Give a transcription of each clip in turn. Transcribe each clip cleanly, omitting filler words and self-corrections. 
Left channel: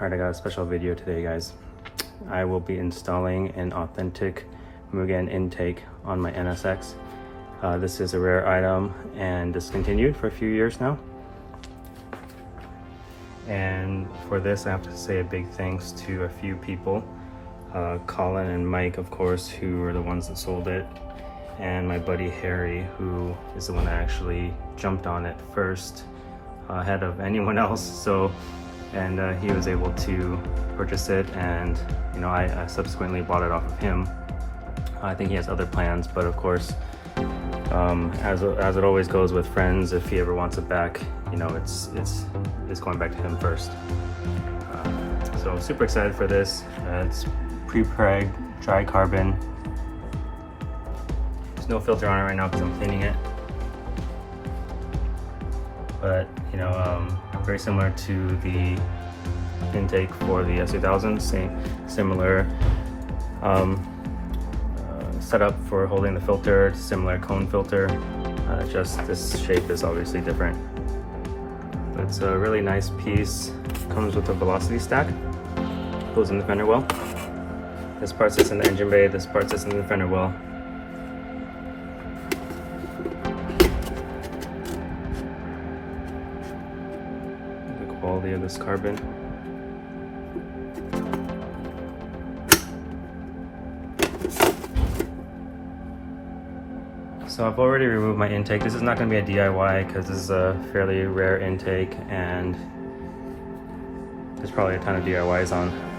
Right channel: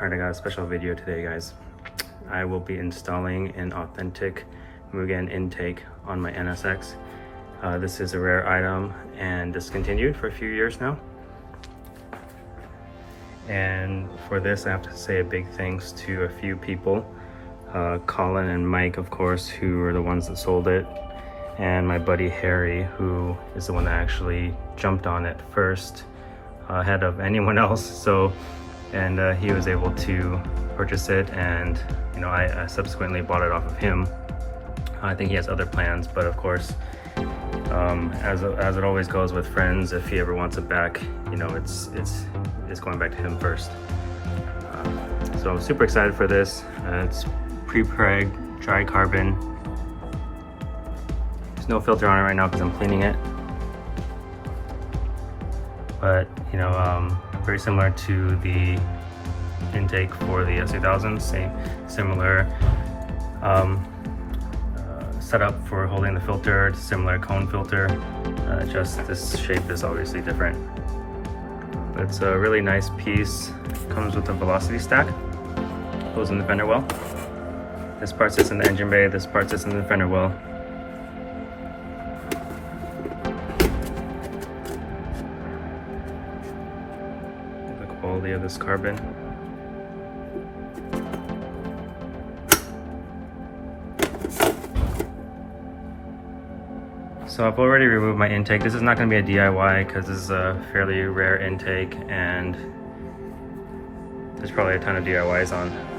Alright, I got a special video today, guys. I will be installing an authentic Mugen intake on my NSX. This is a rare item and discontinued for a few years now. And for this, I have to say a big thanks to a few people. Colin and Mike, of course, who are the ones that sold it. And my buddy Harry, who is the one that actually jumped on it first, ahead of anyone else. And he was able to purchase it, and I subsequently bought it off of him. I think he has other plans, but of course, as it always goes with friends, if he ever wants it back, it's going back to him first. So I'm super excited for this. It's pre-preg dry carbon. There's no filter on it right now because I'm cleaning it, but very similar to the intake for the S2000, similar setup for holding the filter, similar cone filter, just this shape is obviously different. But it's a really nice piece. Comes with a velocity stack, goes in the fender well. This part sits in the engine bay, this part sits in the fender well. Quality of this carbon. So I've already removed my intake. This is not going to be a DIY because this is a fairly rare intake, and there's probably a ton of DIYs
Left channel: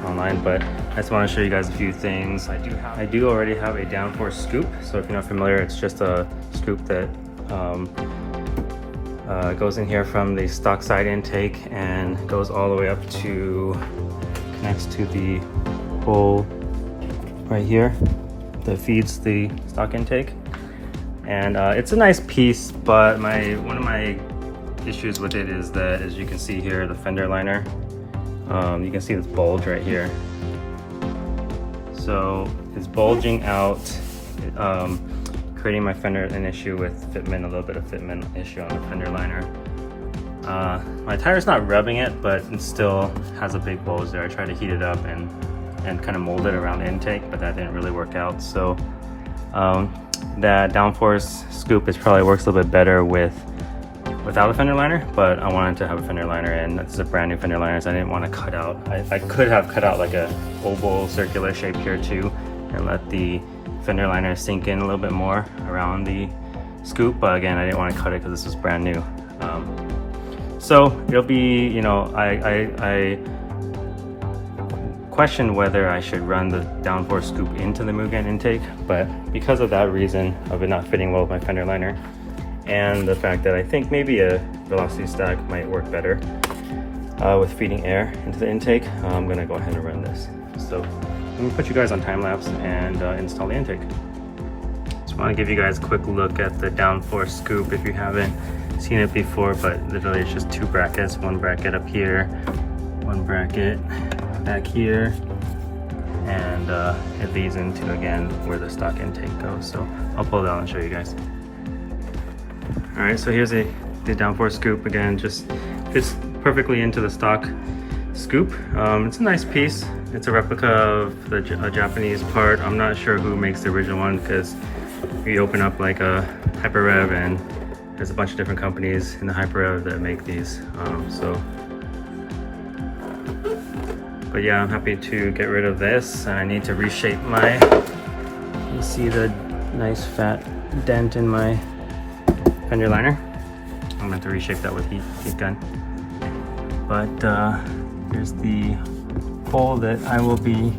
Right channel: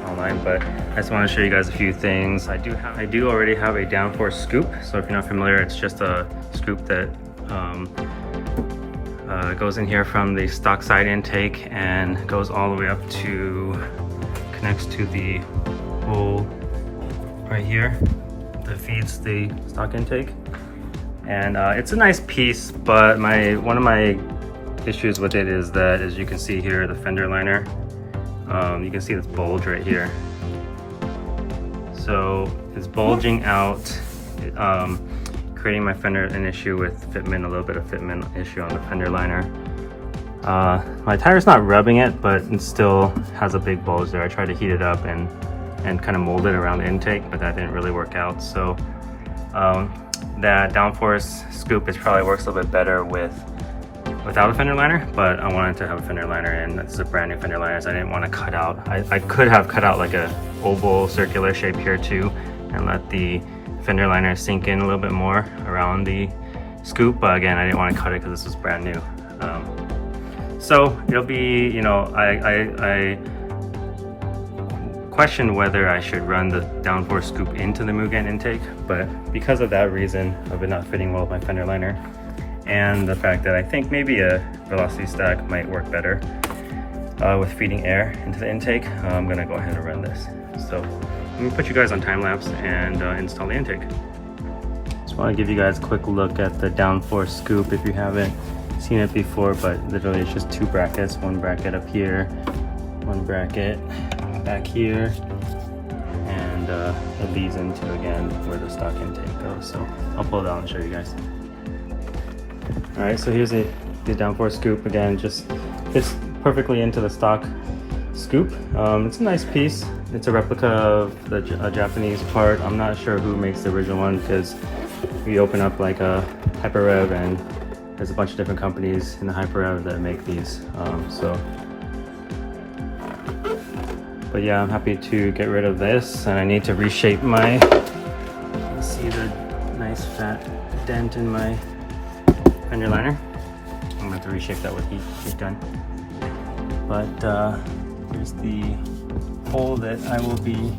online, but I just want to show you guys a few things. I do already have a downforce scoop. So if you're not familiar, it's just a scoop that goes in here from the stock side intake and goes all the way up to, connects to the hole right here that feeds the stock intake. And it's a nice piece, but one of my issues with it is that, as you can see here, the fender liner, you can see this bulge right here. So it's bulging out, creating my fender an issue with fitment, a little bit of fitment issue on the fender liner. My tire's not rubbing it, but it still has a big bulge there. I tried to heat it up and kind of mold it around the intake, but that didn't really work out. So that downforce scoop probably works a little bit better without a fender liner, but I wanted to have a fender liner, and this is a brand new fender liner, so I didn't want to cut out. I could have cut out like a oval circular shape here too and let the fender liner sink in a little bit more around the scoop, but again, I didn't want to cut it because this is brand new. So it'll be, I questioned whether I should run the downforce scoop into the Mugen intake, but because of that reason of it not fitting well with my fender liner, and the fact that I think maybe a velocity stack might work better with feeding air into the intake, I'm gonna go ahead and run this. So let me put you guys on time lapse and install the intake. Just want to give you guys a quick look at the downforce scoop if you haven't seen it before, but literally it's just two brackets, one bracket up here, one bracket back here, and it leads into, again, where the stock intake goes. So I'll pull it out and show you guys. All right, so here's the downforce scoop. Again, just fits perfectly into the stock scoop. It's a nice piece. It's a replica of a Japanese part. I'm not sure who makes the original one, because we open up like a HyperRev and there's a bunch of different companies in the HyperRev that make these. But yeah, I'm happy to get rid of this, and I need to reshape my, you see the nice fat dent in my fender liner. I'm gonna have to reshape that with heat gun. But here's the hole that I will be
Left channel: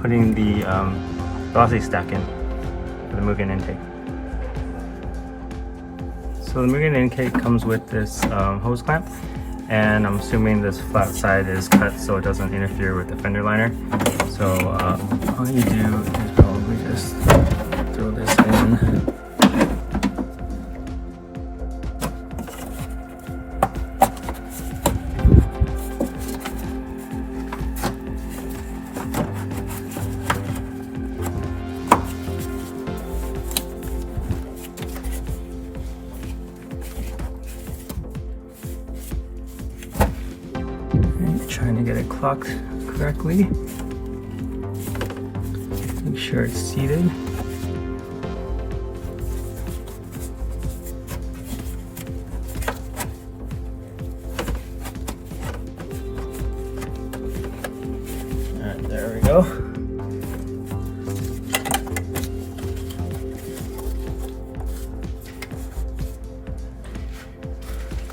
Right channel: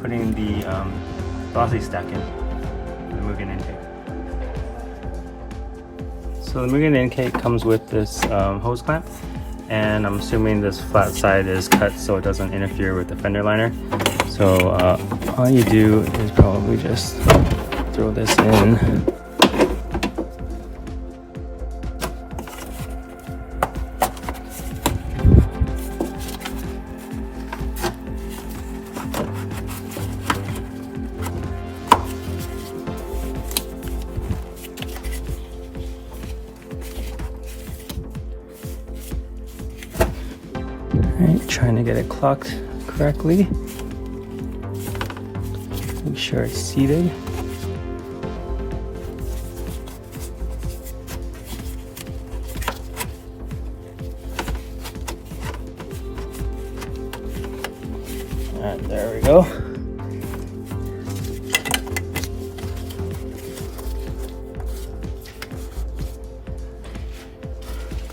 putting the velocity stack in for the Mugen intake. So the Mugen intake comes with this hose clamp, and I'm assuming this flat side is cut so it doesn't interfere with the fender liner. So all you do is probably just throw this in. Right, trying to get it clocked correctly. Make sure it's seated. And there we go.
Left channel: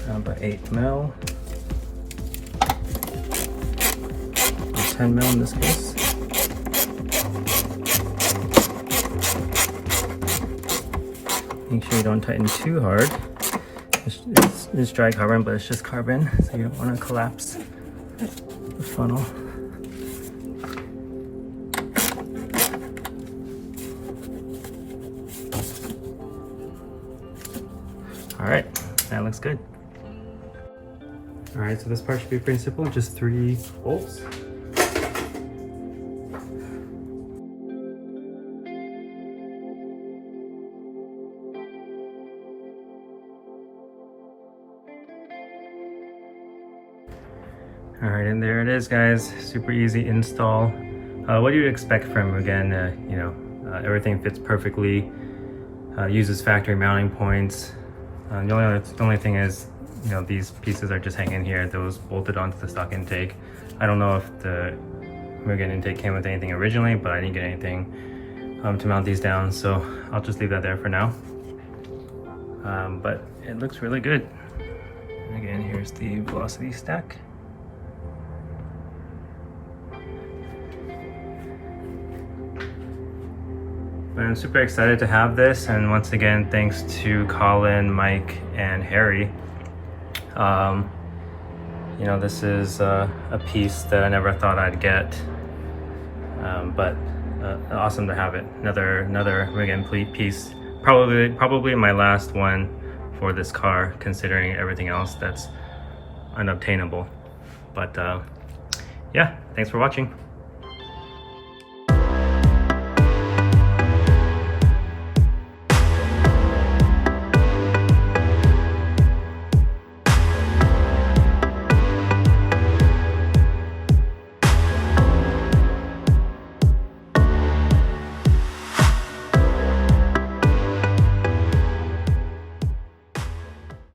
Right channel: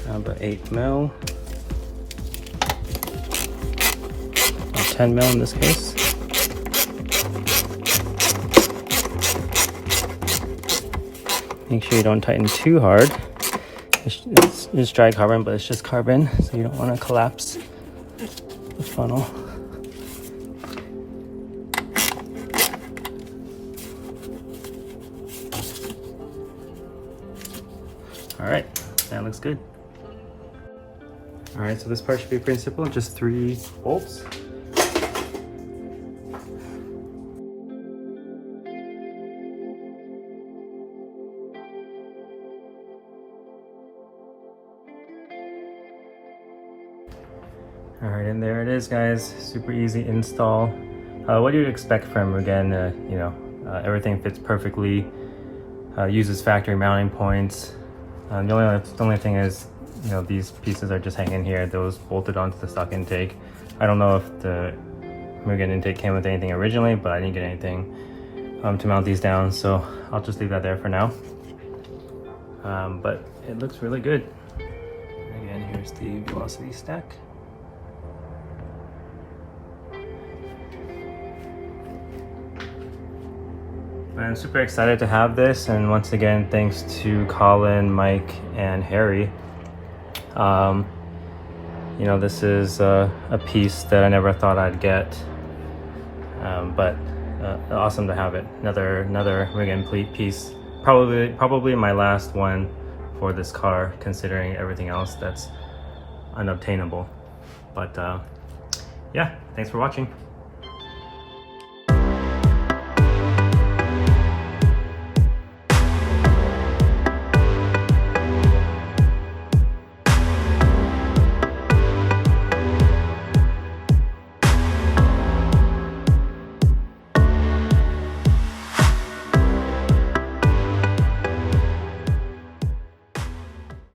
About 8 mil. 10 mil in this case. Make sure you don't tighten too hard. It's dry carbon, but it's just carbon, so you don't want to collapse the funnel. All right, that looks good. All right, so this part should be pretty simple, just 3 bolts. All right, and there it is, guys. Super easy install. What you'd expect from Mugen, you know, everything fits perfectly. Uses factory mounting points. The only thing is, you know, these pieces are just hanging here. Those bolted onto the stock intake. I don't know if the Mugen intake came with anything originally, but I didn't get anything to mount these down, so I'll just leave that there for now. But it looks really good. Again, here's the velocity stack. But I'm super excited to have this, and once again, thanks to Colin, Mike, and Harry. You know, this is a piece that I never thought I'd get, but awesome to have it. Another Mugen piece. Probably my last one for this car, considering everything else that's unobtainable. But yeah, thanks for watching.